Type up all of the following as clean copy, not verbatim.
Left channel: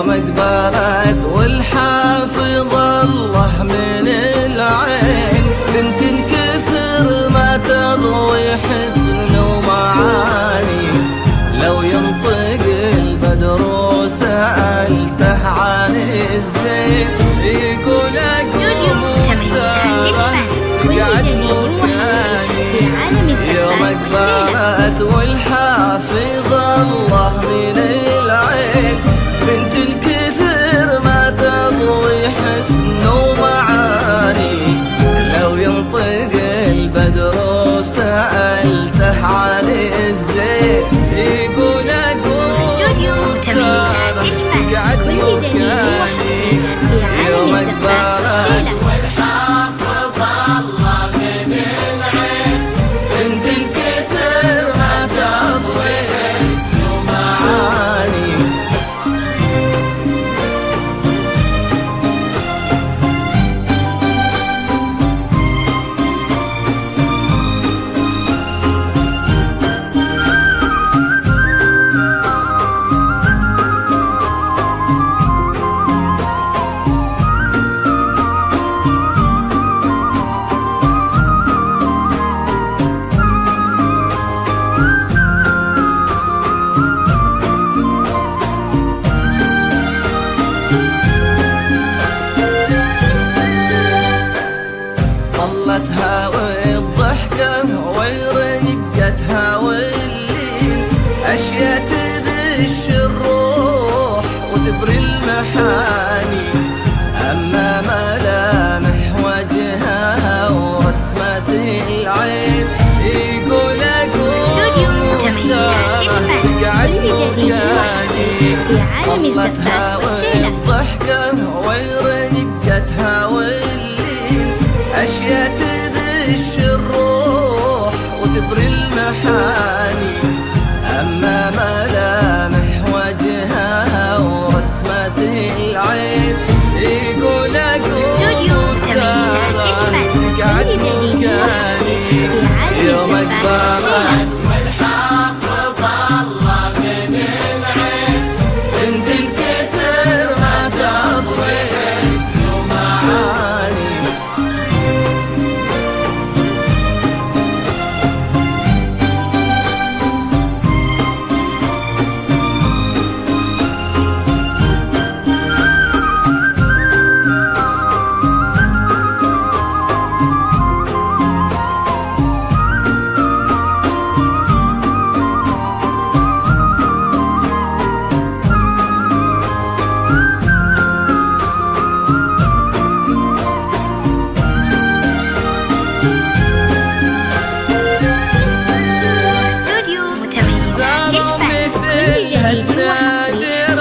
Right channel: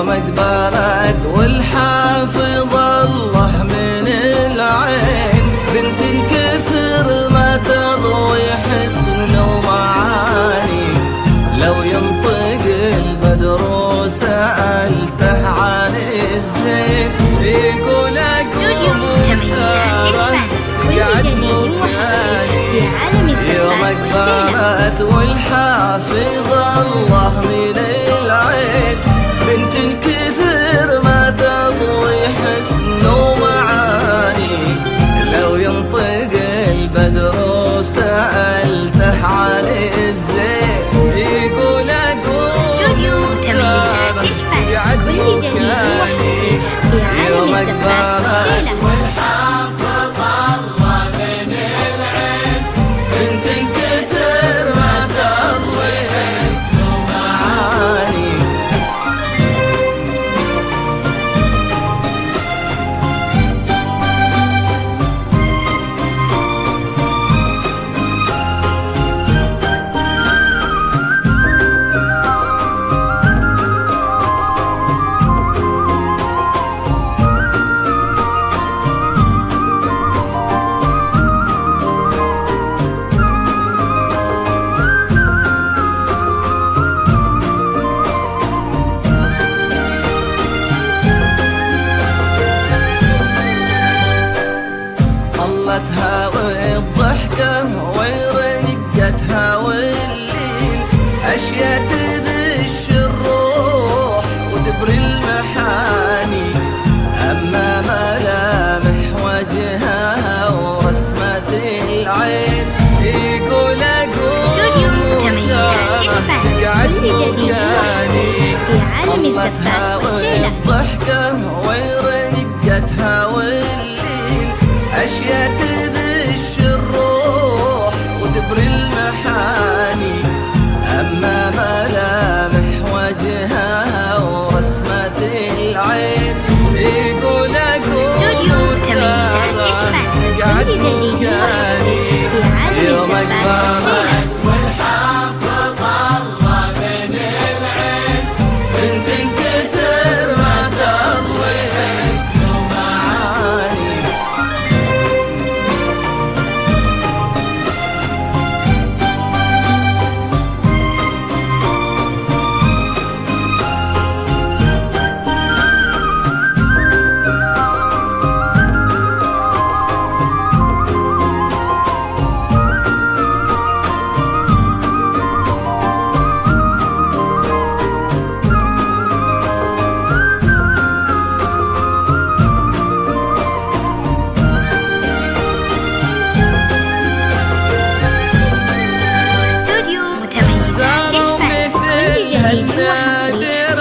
يوم اقبلت والحافظ الله من العين، بنت كثر ما تضوي حسن ومعاني. لو ينطق البدر وسألته عن الزين يقول أقوم وسارة تقعد مكاني. يوم اقبلت والحافظ الله من العين، بنت كثر ما تضوي حسن ومعاني. لو ينطق البدر وسألته عن الزين يقول أقوم سارة تقعد مكاني. يوم اقبلت بنت كثر ما تضوي حسن ومعاني. طلتها والضحكة ورقتها واللين، أشياء تبش الروح وتبري المحاني. أما ملامح وجهها ورسمة العين يقول أقوم وسارة تقعد مكاني. طلتها والضحكة ورقتها واللين، أشياء تبش الروح وتبري المحاني. أما ملامح وجهها ورسمة العين يقول أقوم سارة تقعد مكاني. يوم اقبلت والحافظ الله من العين، بنت كثر ما تضوي حسن ومعاني. صاروا مثل هالنادر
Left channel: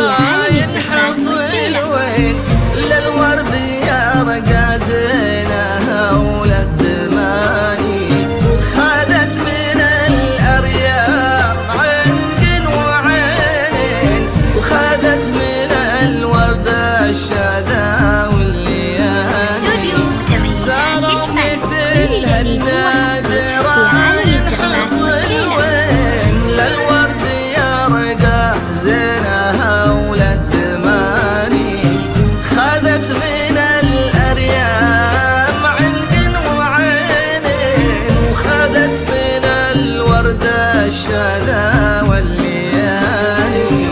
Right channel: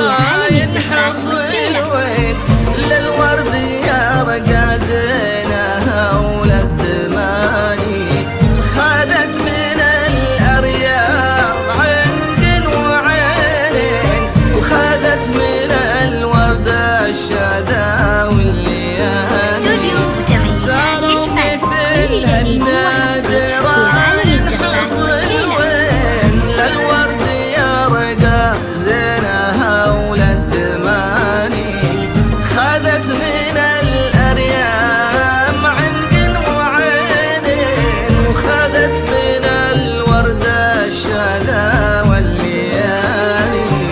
ينحص الوين، للورد يرقى زينها وللدماني. خذت من الأرياح عنق وعينين، وخذت من الورد الشذا والليالي. صاروا مثل هالنادر ينحص الوين، للورد يرقى زينها وللدماني. خذت من الأريام عنق وعينين، وخذت من الورد الشذا والليالي.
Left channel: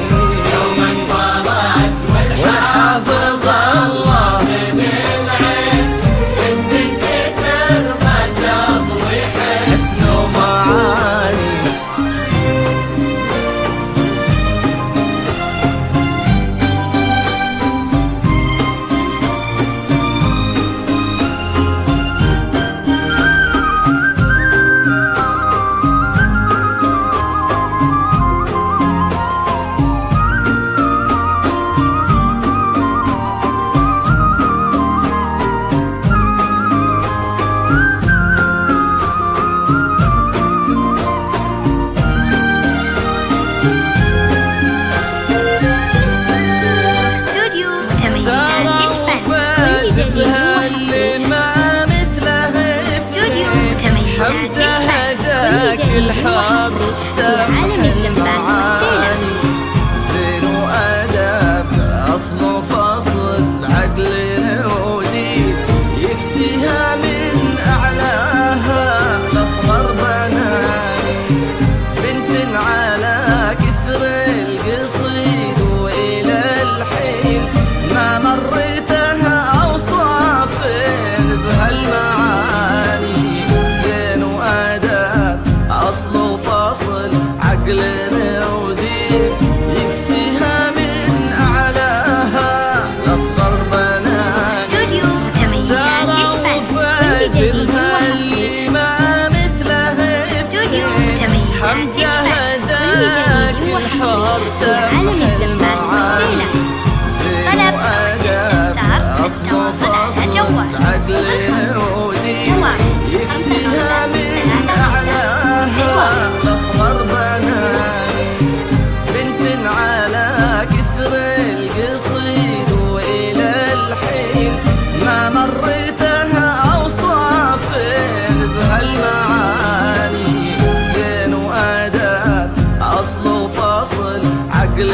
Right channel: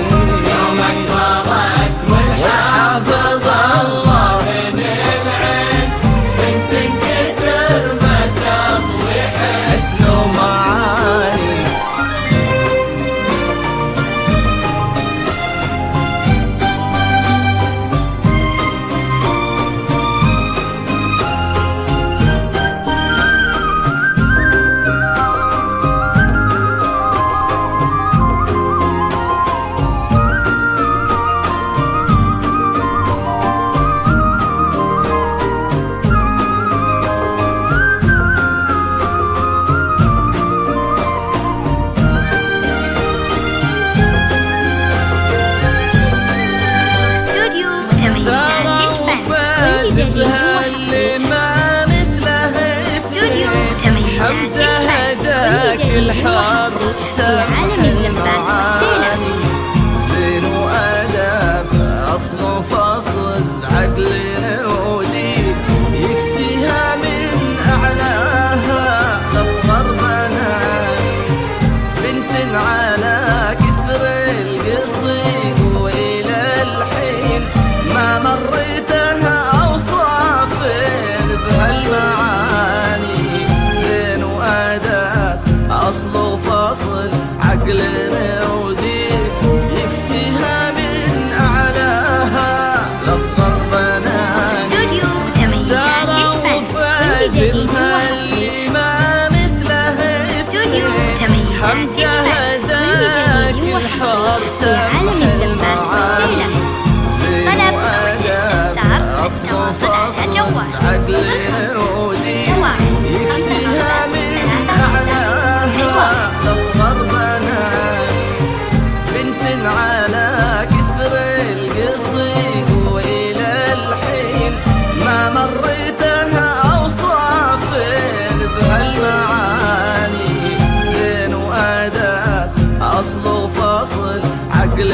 والحافظ الله حسن ومعاني. حمزة هداك الحار في عالم الزفات والشيلة، زين وأدب على كثر القصيد وإلى الحين ما مريتها أوصاف بهالمعاني. زين وأدب أصل وفصل عقل ودين يكسيها من أعلاها لأصغر بناني. استوديو متميزات الفن، كل جديد وحصري. ما مثله استوديو متميزات حمزة الفن، كل جديد وحصري في عالم الزفات والشيلات. طلب واستفسار التواصل على جوال 05661 يكسيها من أعلاها لأصغر بناني. بنت على كثر القصيد وإلى الحين ما مريتها أوصاف بهالمعاني. زين وأدب أصل وفصل عقل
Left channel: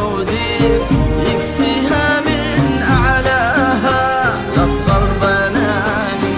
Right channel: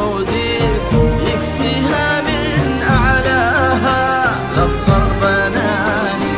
ودين يكسيها من أعلاها لأصغر بناني.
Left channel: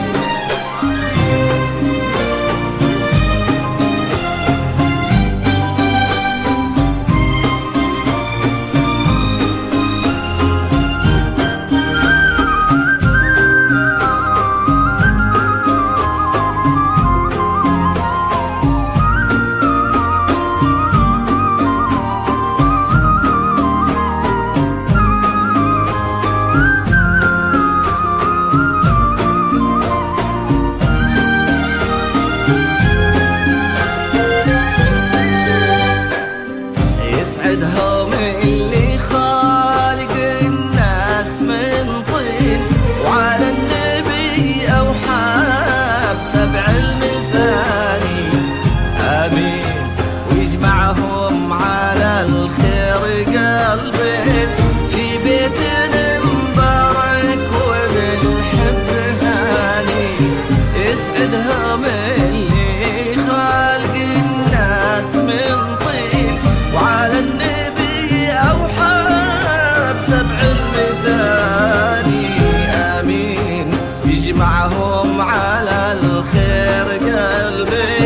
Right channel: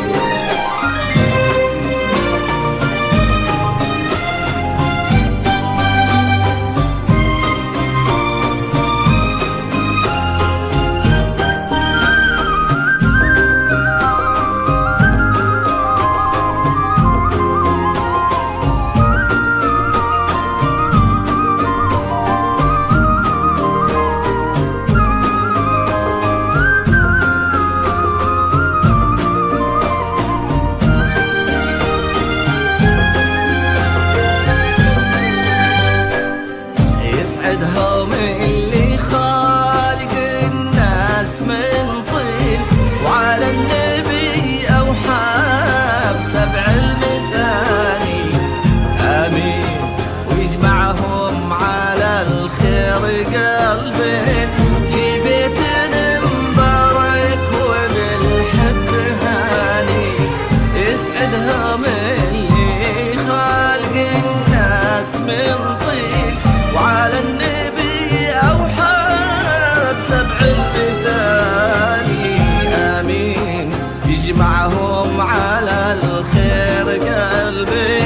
يسعدهم اللي خالق الناس من طين وعلى النبي أوحى بسبع المثاني. آمين ويجمعهم على الخير قلبين في بيت مبارك وبالحب هاني. يسعدهم اللي خالق الناس من طين وعلى النبي أوحى بسبع المثاني. آمين يجمعهم على الخير قلبي